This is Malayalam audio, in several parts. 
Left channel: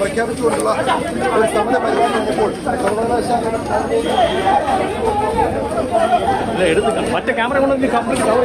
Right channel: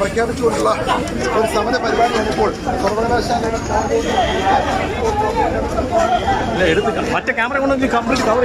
പ്രഖ്യാപിച്ചുകൊണ്ടുള്ള ഒരു സമര പരിപാടി നടക്കുമ്പോൾ സർവകലാശാലയുടെ മറ്റേ ക്യാമറ കൊണ്ട് കംപ്ലീറ്റ് കവർ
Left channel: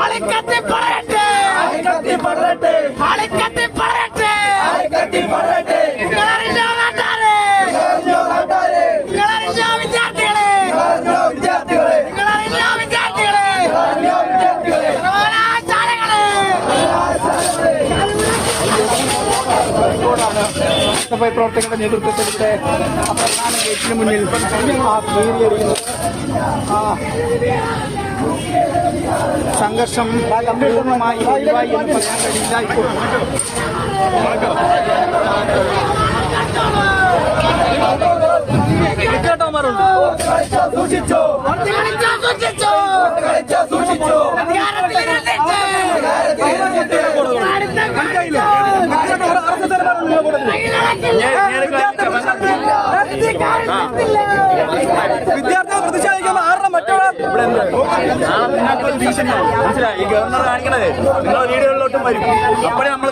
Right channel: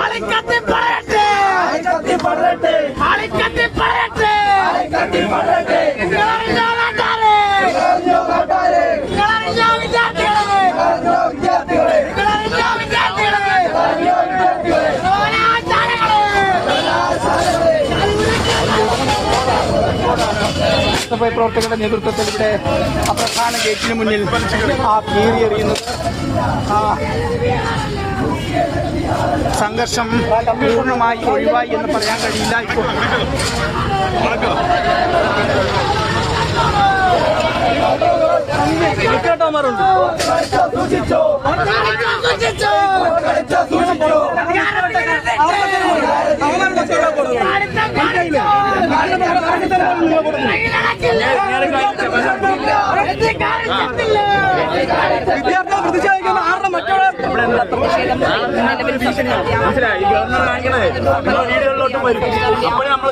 ആളിക്കത്തി പറയട്ടെ. ആളിക്കത്തി പറയട്ടെ. നിങ്ങളറിഞ്ഞോ വിദ്യാർത്ഥികളെ. ഓനാചാരങ്ങളെ സഭ പ്രവർത്തകരുടെ നേതൃത്വത്തിൽ ഇവിടെ പ്രധാന ഗേറ്റിന് മുന്നിൽ ആ ഭീതി എറിയുന്നത് സംഘർഷം പൂർണമായി ഒഴിവായി എന്ന് പറയാൻ കഴിയില്ല ഇപ്പോൾ. കളിച്ചാ സൂക്ഷിച്ചോ അധികാരത്തിലിരുന്നിട്ട് മനസ്സിലായി ഗവർണർ കാണിക്കണേ. നിങ്ങൾ വീടുകളിലോട്ടും വരും. അപ്പോഴേ നമ്മൾ